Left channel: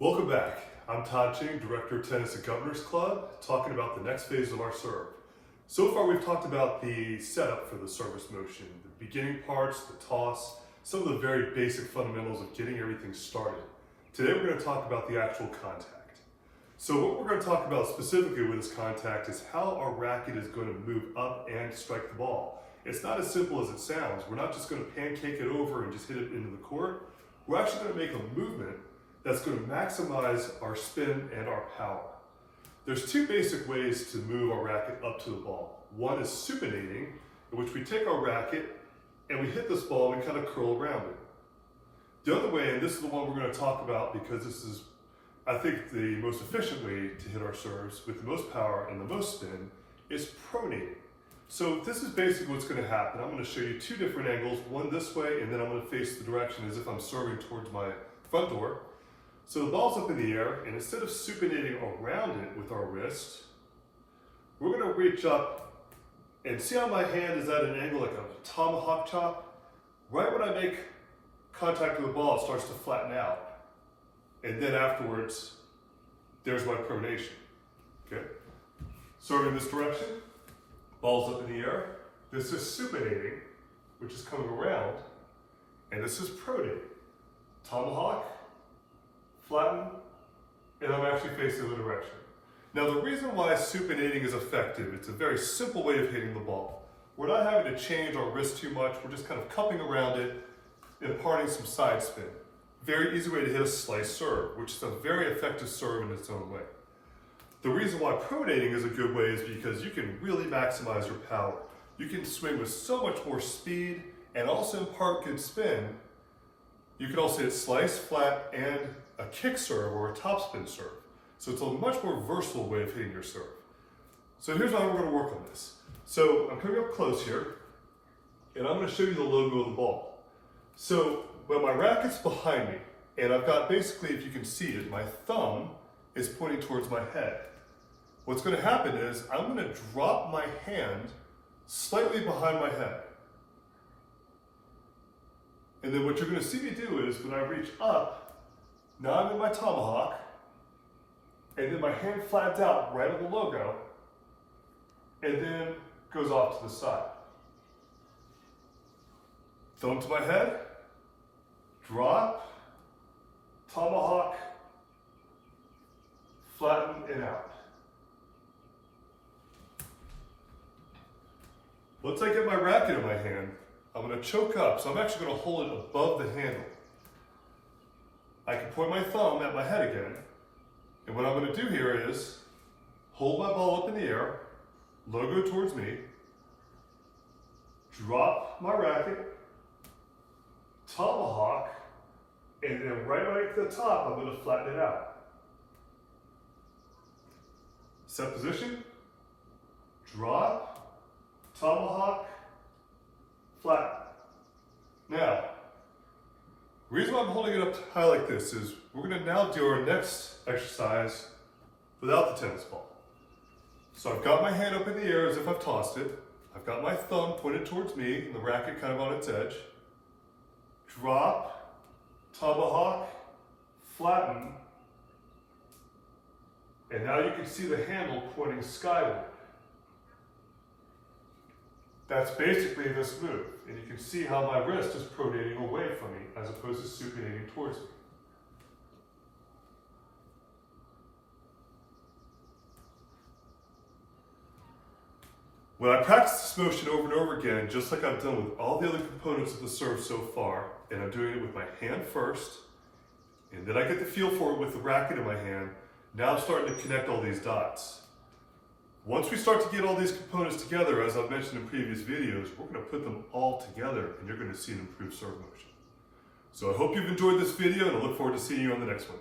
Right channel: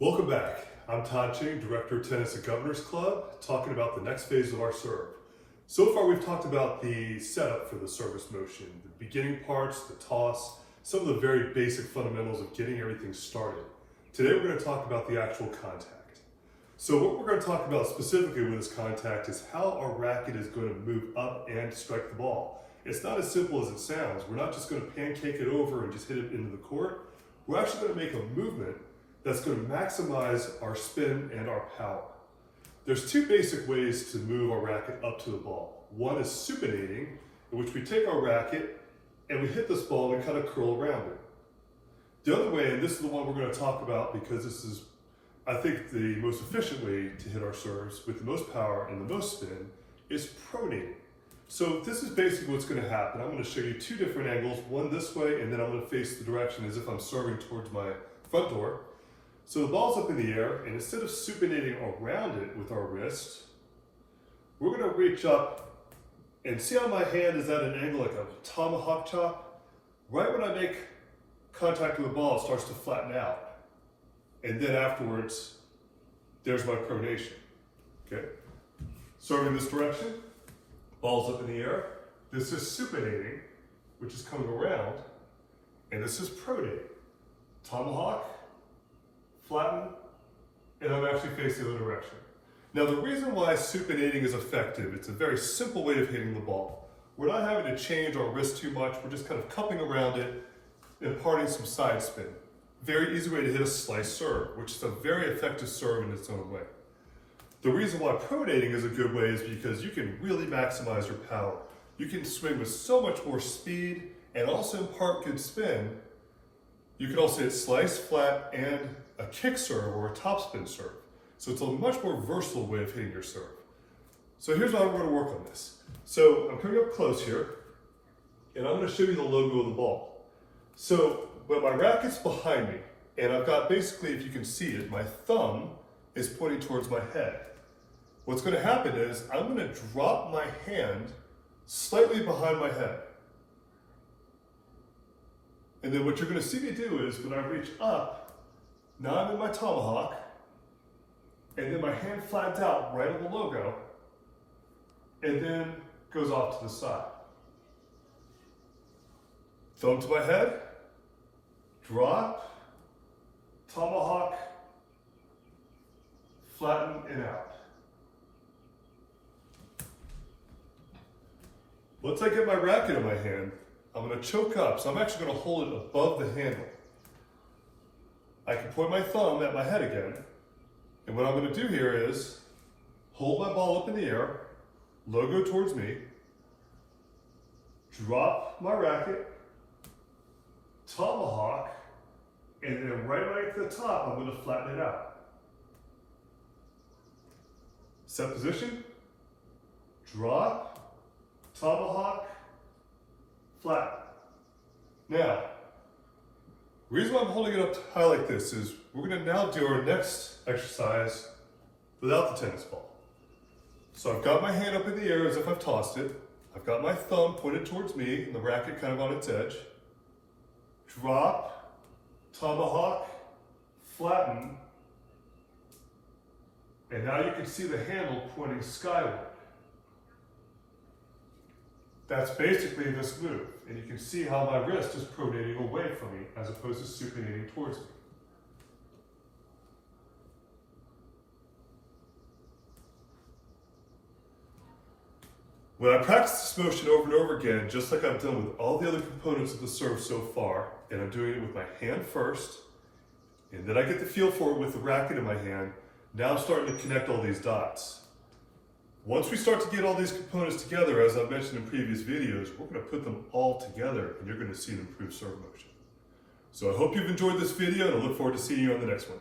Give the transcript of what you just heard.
Welcome back. I'm Todd Ching, Director of Tennis at Governors Club, talking about the next phase of our serve. So far we've talked about the setup for the service motion, the beginning parts, the toss, some of the very basic fundamentals of getting everything started. Today we're going to talk about the actual contact. So what we're going to talk about specifically with this contact is how our racket is going to move up and strike the ball. It's not as simple as it sounds. We're not just going to pancake it over and just hit it into the court. We're actually going to make a movement that's going to maximize our spin and our power. There's two basic ways to move our racket up to the ball. One is supinating, in which we take our racket and we hit this ball and we kind of curl around it. The other way, and this is the one we're going to talk about because this is, I think, the most efficient way to hit our serves with the most power and the most spin, is pronating. So this is basically what's going to happen. I'm going to show you two different angles, one this way, and then I'm going to face the direction as if I'm serving towards my front door. So the ball's up in the air, and instead of supinating around it with our wrist, we're going to reach up and see how my hand is at an angle like a tomahawk chop. Right when I make contact with the ball, it starts to flatten out. And then afterwards, there's my pronation. Okay? Serving this direction, ball's up in the air. This is supinating, which is coming around, and this is pronating. Tomahawk, flatten, and I'm actually facing the direction. Now the reason why supinating is effective, it's a very simple way of hitting the ball. We're not having to change our wrist too much, we're just kind of cupping around it, imparting some side spin. Very easy way to hit a slice serve, which is a very effective serve in its own way. The reason why pronating is a good way is because you can really maximize your power. You can swing with so much more speed and also impart good spin. You can also hit slice, flat, and a kick serve or a topspin serve. So it's a much more versatile way of hitting your serve. So here's how we're going to work on this. So I'm coming up close here, and I'm going to show you the logo of the ball. So when my racket's behind me, and I've got basically, if you can see it, my thumb is pointing towards my head. What's going to happen is I'm going to drop my hand slightly behind my head. And then what you're going to see me do is when I reach up, now I'm in my tomahawk, and then my hand flattens out right on the logo, and then goes off to the side. Thumb to my head, drop, tomahawk, flatten and out. Once I get my racket in my hand, I'm going to choke up, so I'm actually going to hold it above the handle. I can point my thumb at my head again, and what I'm going to do here is hold my ball up in the air, logo towards me, drop my racket, tomahawk, and then right when I get to the top, I'm going to flatten it out. Set position, drop, tomahawk, flatten. Now, the reason why I'm holding it up high like this is we're going to now do our next exercise without the tennis ball. So I've got my hand up in the air as if I've tossed it. I've got my thumb pointed towards me and the racket kind of on its edge. Drop, tomahawk, flatten, and now you can see the handle pointing skyward. That's basically this move, and you can see how my wrist is pronating away from me as opposed to supinating towards me. When I practice this motion over and over again, just like I've done with all the other components of the serve so far, and I'm doing it with my hand first, and then I get the feel for it with the racket in my hand, now I'm starting to connect all these dots. Once we start to get all these components together, as I've mentioned in previous videos, we're going to put them all together and you're going to see an improved serve motion. So I hope you've enjoyed this video and I look forward to seeing you on the next one.